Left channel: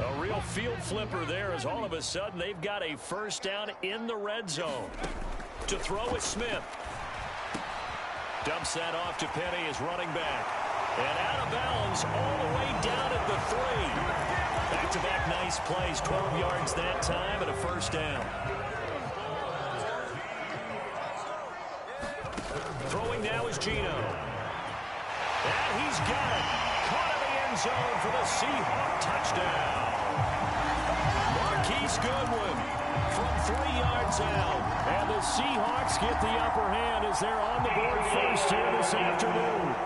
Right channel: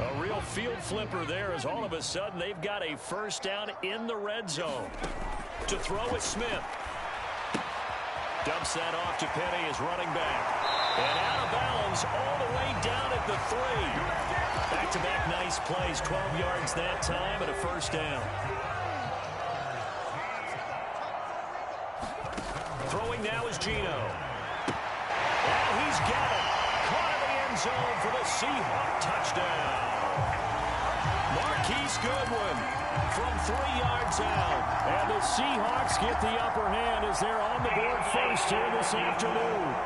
A real field flipper there as all of a sudden they've got a first down in the red zone. To throw is Smith. Dumps that off to Penny as running back. And out of bounds all the way down at the 3. Back-to-back nice plays. 12 yards that time and a first down. Throwing now is Geno. And he's got it. Caught in the end zone for the Seahawk touchdown. Marquise Goodwin from 3 yards out. And the Seahawks get the upper hand as they're on the board first here this afternoon.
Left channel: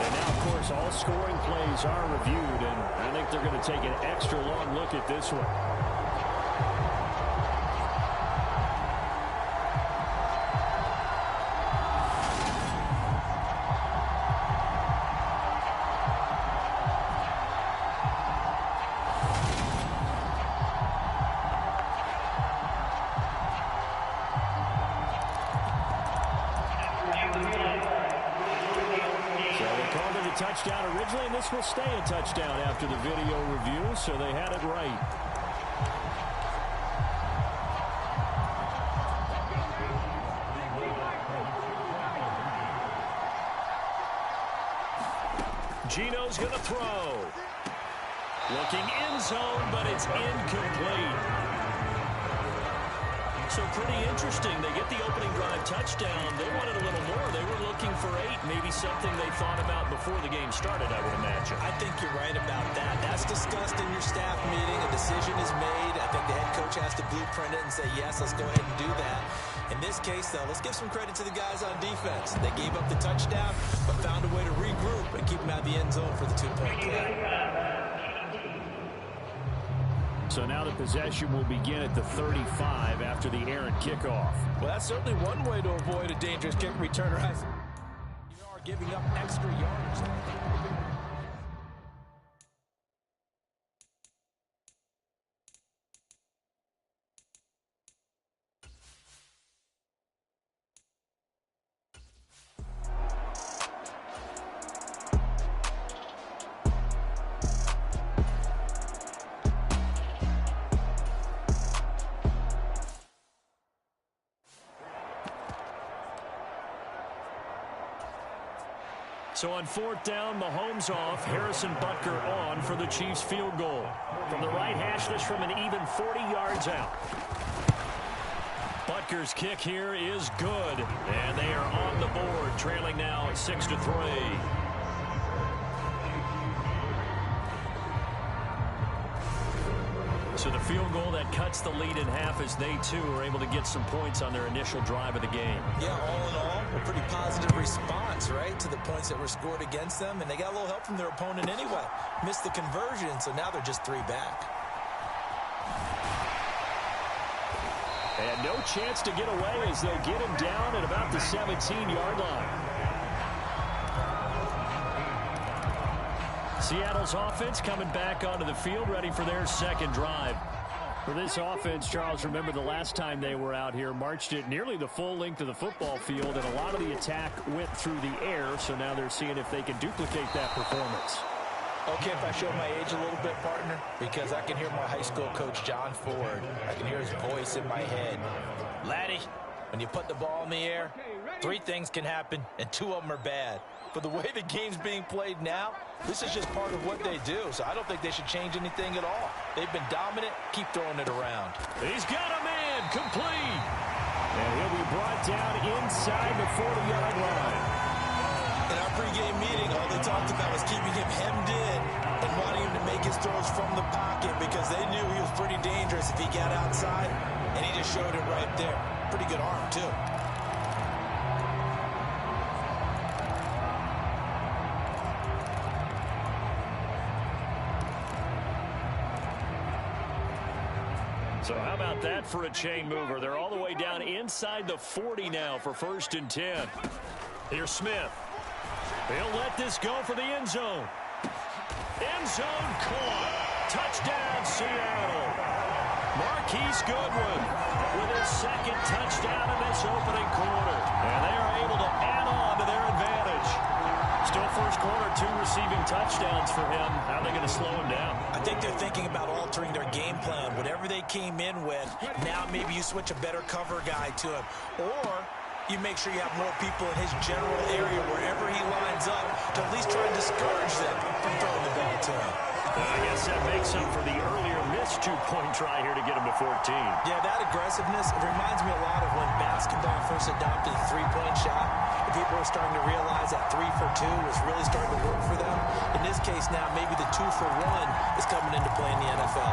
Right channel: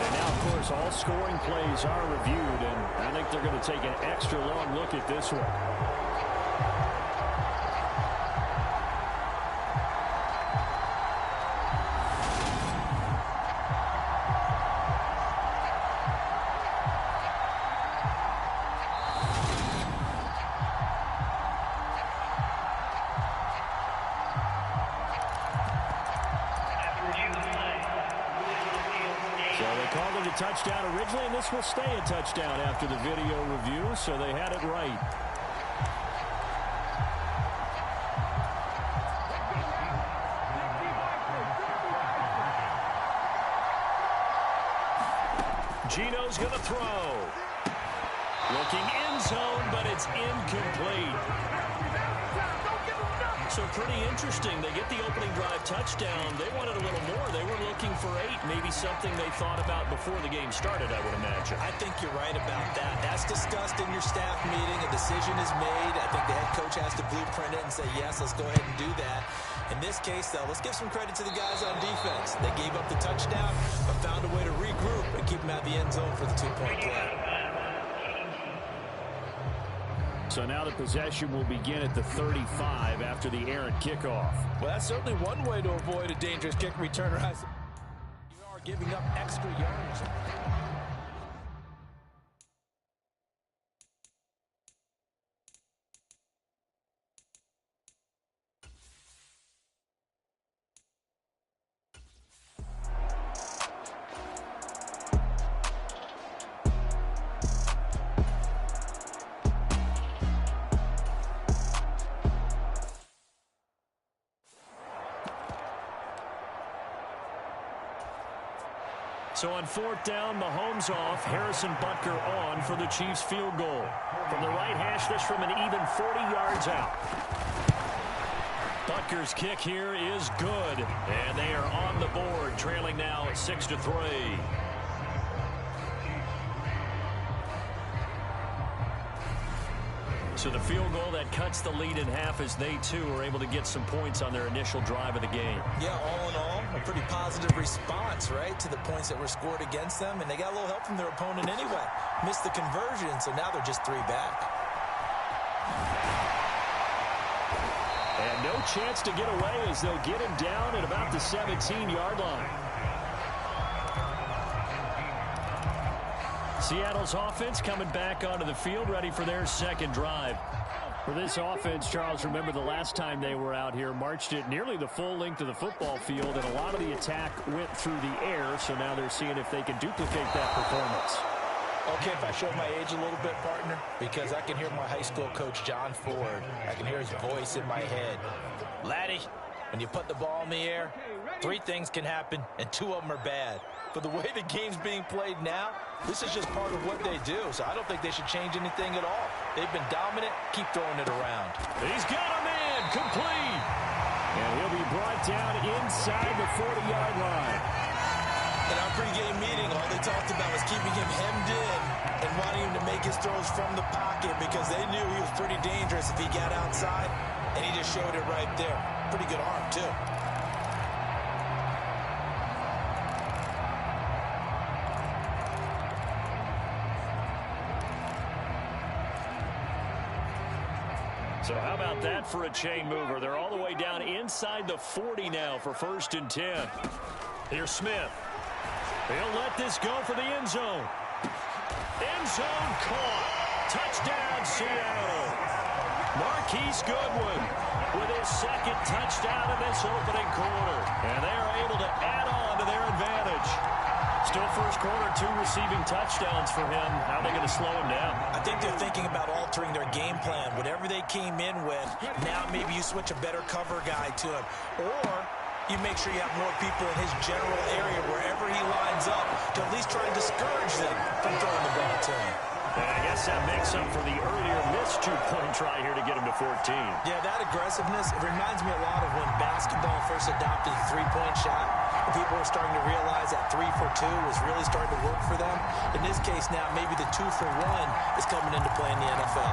And now, of course, all scoring plays are reviewed, and I think they're going to take an extra long look at this one. Touchdown originally, and this will stay a touchdown after the video review, so they had it right. Geno's going to throw. Looking end zone, but it's incomplete. So pretty interesting. They get the opening drive touchdown. They wanted a little more. They were looking for 8, maybe something they thought about before the game started, I would imagine. I think you're right about that. That's discussed in your staff meeting. A decision is made. I think the head coach has to blueprint it and say, yes, let's go ahead and do that. In this case, though, let's give some credit to the guys on defense. They gave up the touchdown, but found a way to regroup and keep them out of the end zone for the 2-point play. So now the possession will begin at the 35 after the errant kickoff. Well, that's certainly one way to avoid a dangerous kick returner. You are giving up extra yardage. So on 4th down, Mahomes off, Harrison Butker on for the Chiefs field goal. From the right hash, this from an even 40 yards out. Butker's kick here is good, and they are on the board, trailing now at 6-3. So the field goal that cuts the lead in half as they, too, are able to get some points on their initial drive of the game. Yeah, all in all, a pretty positive response, right, to the points that were scored against them. And they got a little help from their opponent anyway. Missed the conversion, so now they're just 3 back. And no chance to get away as they'll get him down at about the 17-yard line. Seattle's offense coming back onto the field, ready for their second drive. For this offense, Charles, remember the last time they were out here, marched it nearly the full length of the football field, and a lot of the attack went through the air, so now they're seeing if they can duplicate that performance. Okay, if I show my age a little bit, partner, because I can hear my high school coach, John Ford. I can hear his voice in my head. Laddie, when you put the ball in the air, 3 things can happen, and 2 of them are bad. But the way the game's being played now, this is just part of what they do. So I don't think they should change anything at all. They've been dominant. Keep throwing it around. He's got a man complete. And he'll be brought down inside the 40-yard line. In our pregame meeting, all they talked about was keeping him hemmed in and wanting him to make his throws from the pocket because they knew he was pretty dangerous if he got outside, and he just showed it right there. Pretty good arm, too. So how about that for a chain mover? They're all the way down inside the 40 now for 1st and 10. Here's Smith. He'll let this go for the end zone. End zone caught. Touchdown, Seattle. Marquise Goodwin with his 2nd touchdown in this opening quarter. And they are able to add on to their advantage. Still first quarter, 2 receiving touchdowns for him. How are they going to slow him down? I think they're thinking about altering their game plan. Whatever they came in with, now maybe you switch a better cover guy to him. Or you make sure you have more people in his general area wherever he lines up to at least try and discourage them from throwing the ball to him. And I guess that makes up for the earlier missed 2-point try here to get him to 14. Yeah, that aggressiveness, it reminds me a lot of when basketball first adopted the three-point shot, and people were starting to realize that 3 for 2 was really starting to work for them. In this case now, maybe the 2 for 1 is coming into play in the NFL.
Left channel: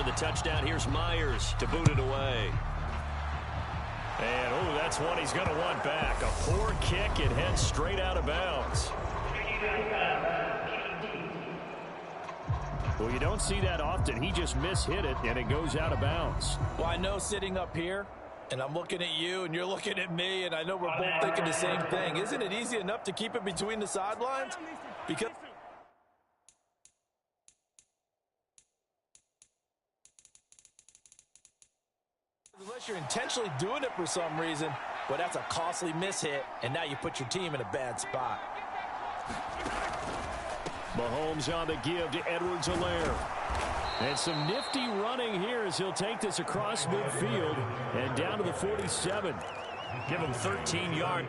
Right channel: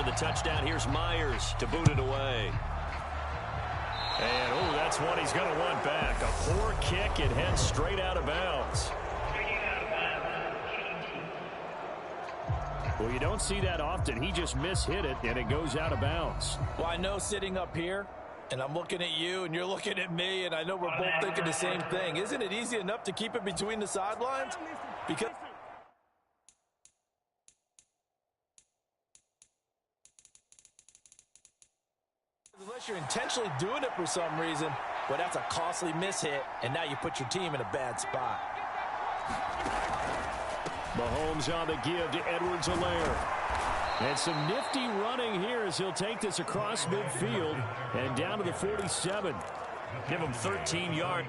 The touchdown, here's Myers to boot it away. And, oh, that's one he's going to want back. A poor kick, it heads straight out of bounds. Well, you don't see that often. He just mishit it, and it goes out of bounds. Well, I know sitting up here, and I'm looking at you, and you're looking at me, and I know we're both thinking the same thing. Isn't it easy enough to keep it between the sidelines? Because unless you're intentionally doing it for some reason, well, that's a costly mishit, and now you put your team in a bad spot. Mahomes on the give to Edwards-Helaire. And some nifty running here as he'll take this across midfield and down to the 47. Give him 13 yards.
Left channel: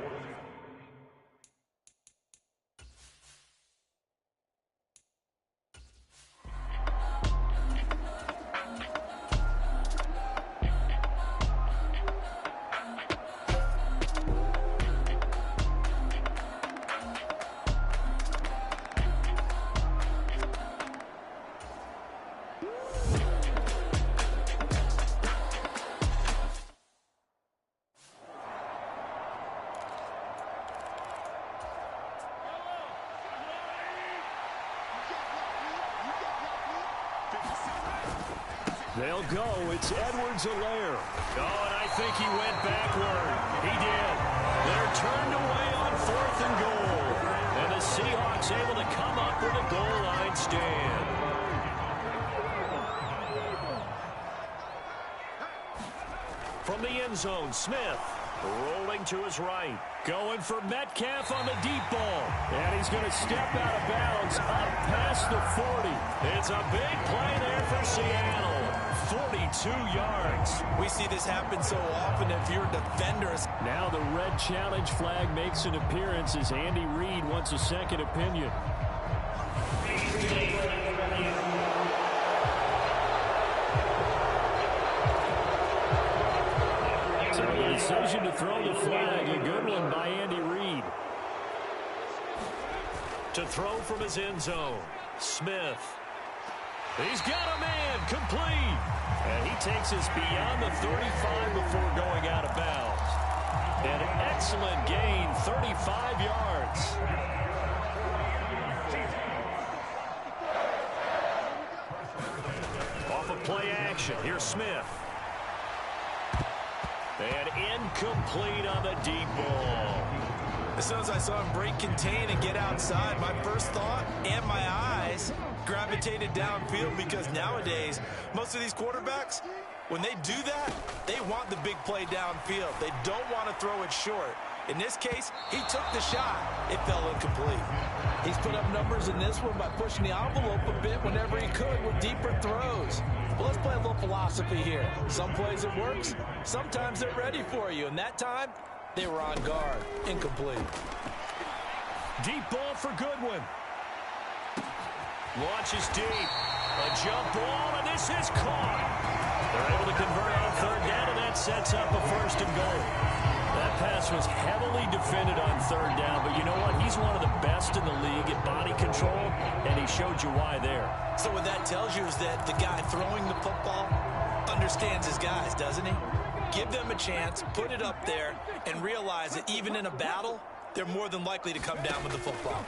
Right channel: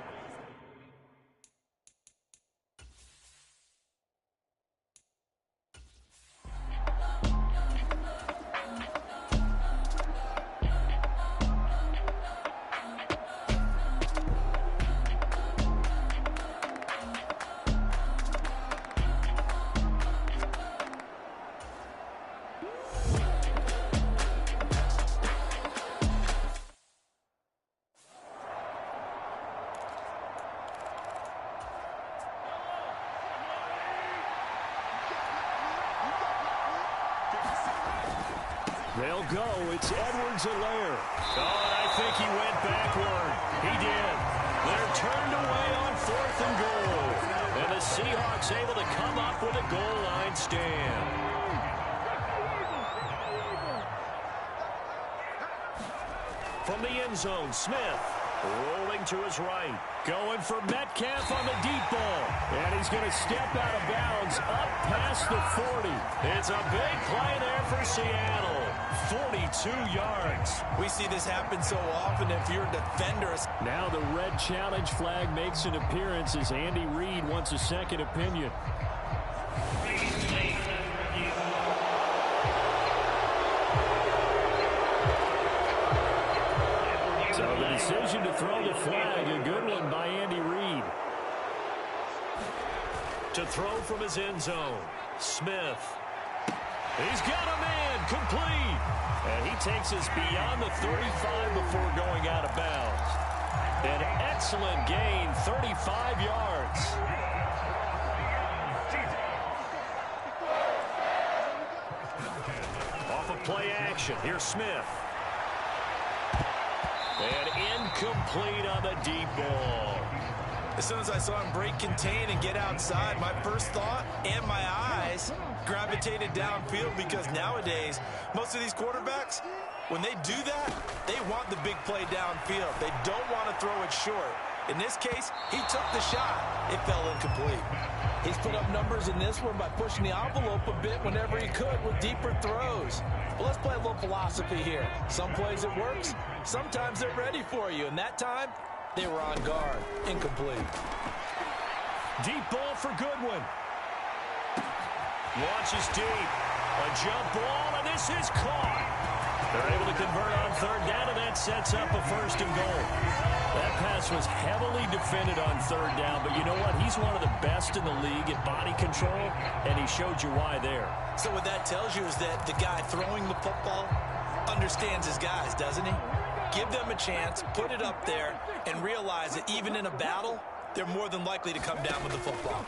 They'll go. It's Edwards-Helaire. Oh, and I think he went backward. He did. They're turned away on 4th and goal. And the Seahawks able to come up with a goal line stand. From the end zone, Smith rolling to his right. Going for Metcalf on the deep ball. And he's going to step out of bounds up past the 40. It's a big play there for Seattle. 42 yards. We see this happen so often if you're a defender. Now the red challenge flag makes an appearance as Andy Reid wants a second opinion. So the decision to throw the flag, a good one by Andy Reid. To throw from his end zone, Smith. He's got a man, complete. And he takes us beyond the 35 before going out of bounds. An excellent gain, 35 yards. Off of play action, here's Smith. And incomplete on the deep ball. As soon as I saw him break contain and get outside, my first thought and my eyes gravitated downfield, because nowadays, most of these quarterbacks, when they do that, they want the big play downfield. They don't want to throw it short. In this case, he took the shot. It fell incomplete. He's put up numbers in this one by pushing the envelope a bit whenever he could with deeper throws. Well, let's play a little philosophy here. Some plays it works. Sometimes they're ready for you. And that time, they were on guard. Incomplete. Deep ball for Goodwin. Launches deep. A jump ball, and this is caught. They're able to convert on third down, and that sets up a first and goal. That pass was heavily defended on third down, but you know what? He's one of the best in the league at body control, and he showed you why there. So what that tells you is that the guy throwing the football understands his guys, doesn't he? Give them a chance, put it up there, and realize that even in a battle, they're more than likely to come down with the football.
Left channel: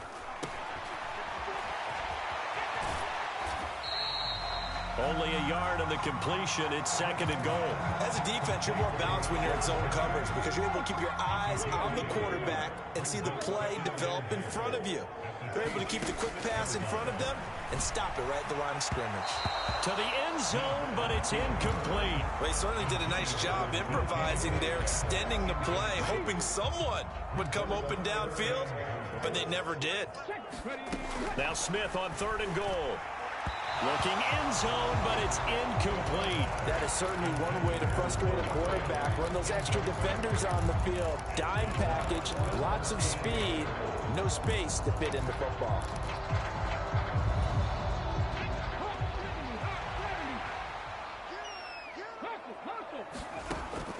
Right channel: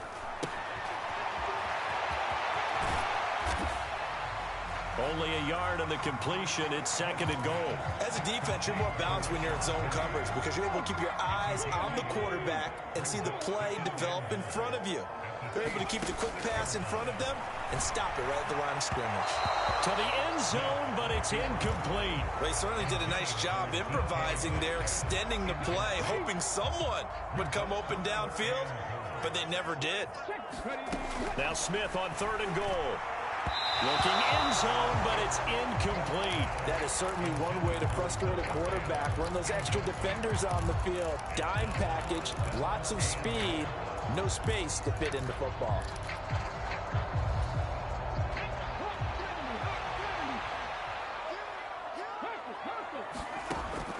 Only a yard on the completion. It's second and goal. As a defense, you're more balanced when you're in zone coverage because you're able to keep your eyes on the quarterback and see the play develop in front of you. They're able to keep the quick pass in front of them and stop it right at the line of scrimmage. To the end zone, but it's incomplete. Well, he certainly did a nice job improvising there, extending the play, hoping someone would come open downfield, but they never did. Now Smith on third and goal. Looking end zone, but it's incomplete. That is certainly one way to frustrate a quarterback. Run those extra defenders on the field. Dime package, lots of speed, no space to fit into football.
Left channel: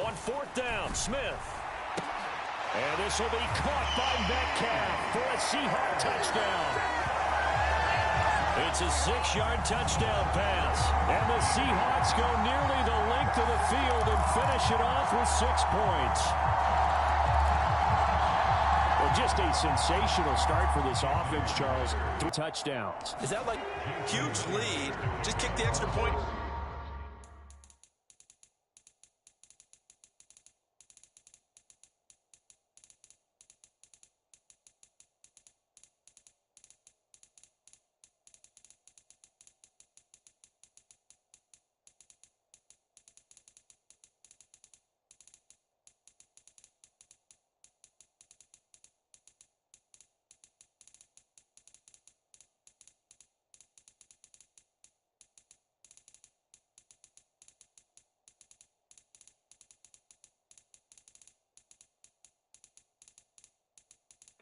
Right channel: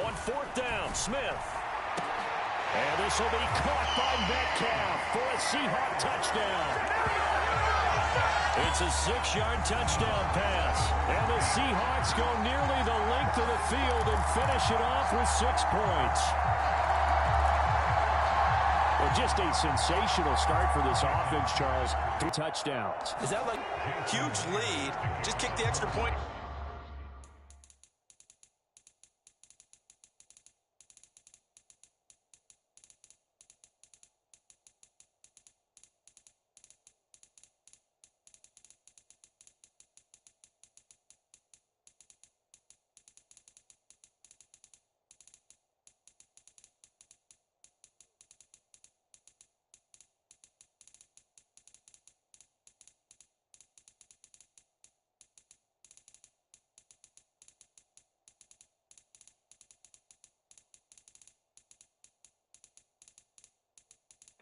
On fourth down, Smith. And this will be caught by Metcalf for a Seahawk touchdown. It's a 6-yard touchdown pass. And the Seahawks go nearly the length of the field and finish it off with 6 points. Well, just a sensational start for this offense, Charles. 3 touchdowns. Is that like huge lead? Just kick the extra point.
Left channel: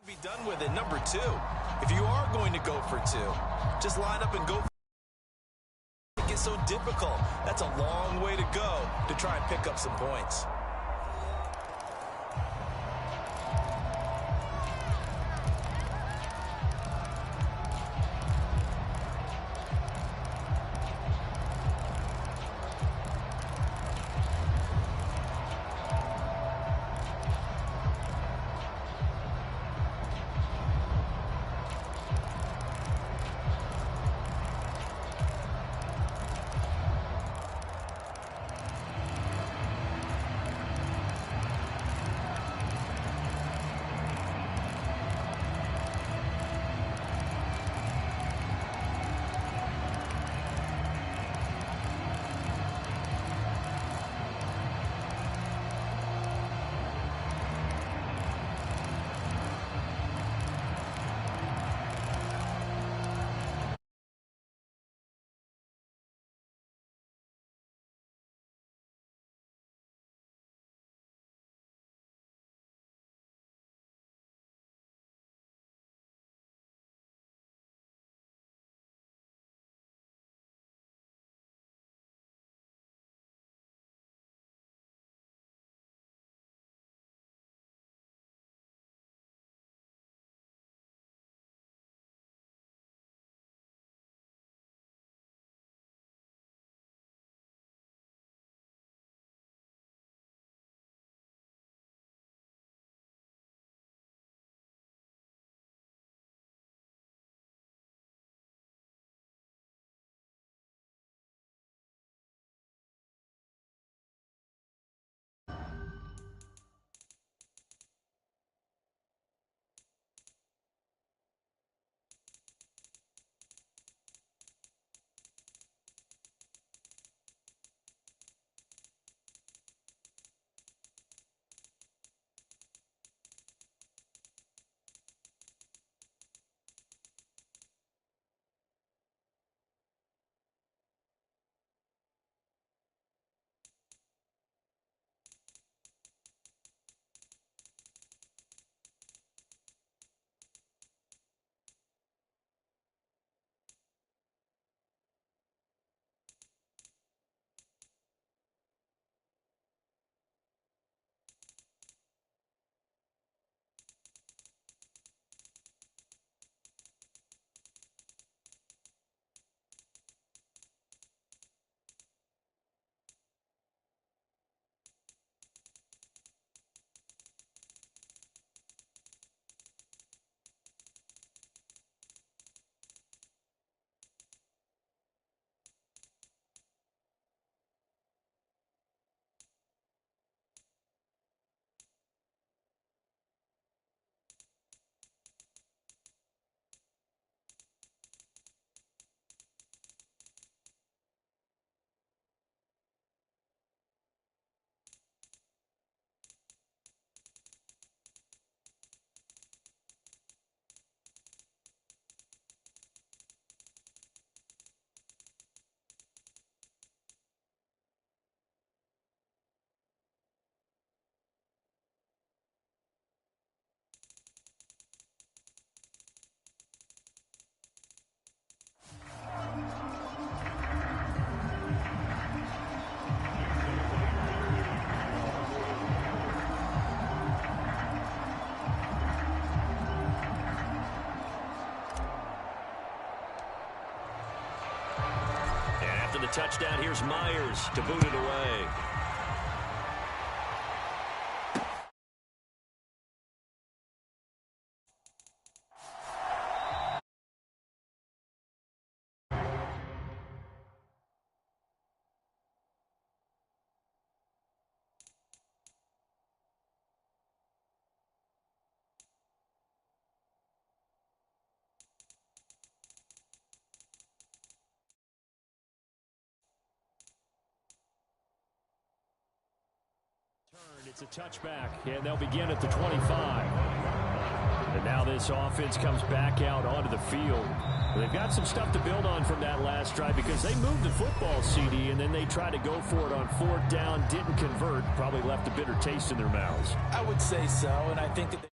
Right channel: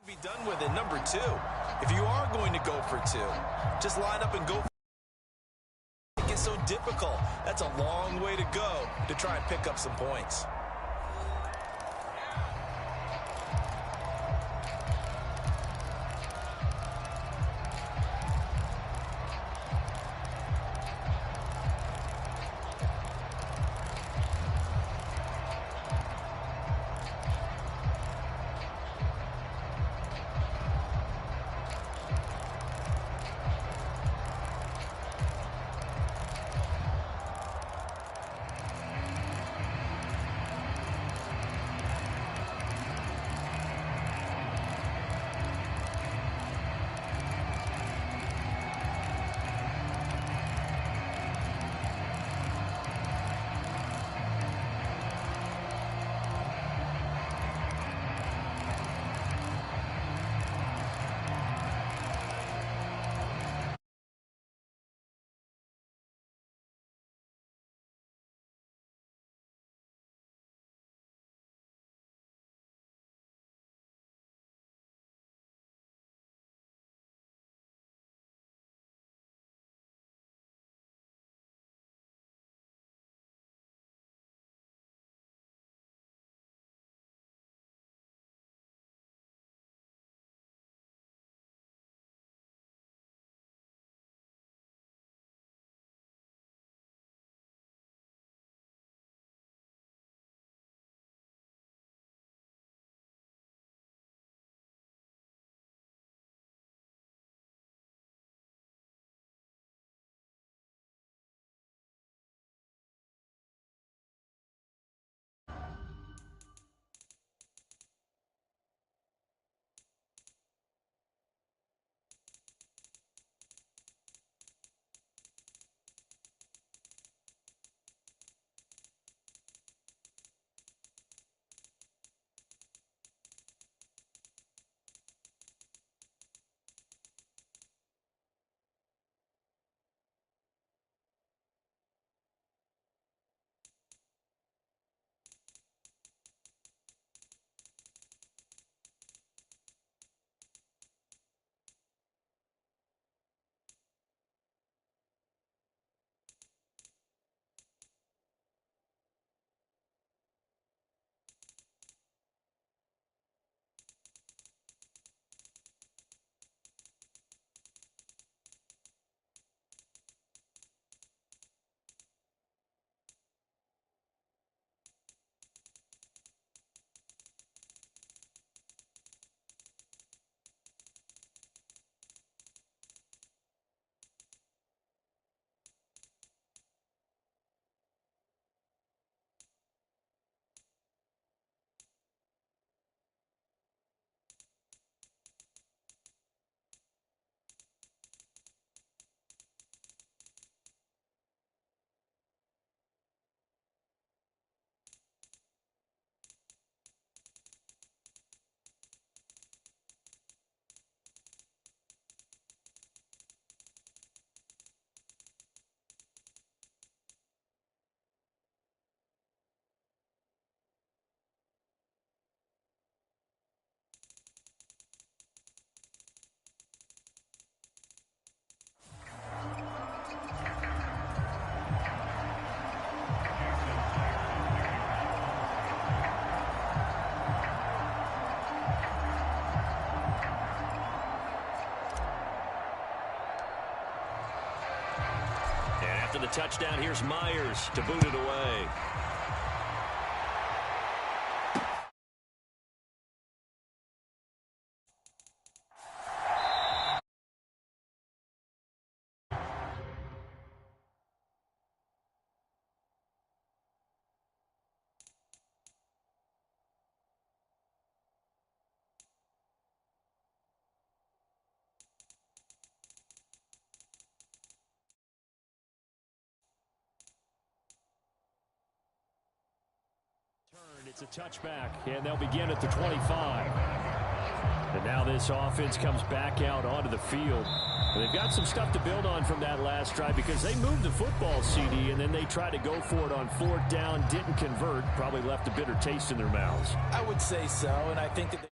Be done with it. Number 2, if you are going to go for 2, just line up and go for it. It gets so difficult. That's a long way to go to try and pick up some points. the touchdown. Here's Myers to boot it away. It's a touchback, and they'll begin at the 25. And now this offense comes back out onto the field. They've got some stuff to build on from that last drive because they moved the football, CD, and then they tried to go for it on 4th down, didn't convert, probably left a bitter taste in their mouths. I would say so, and I think that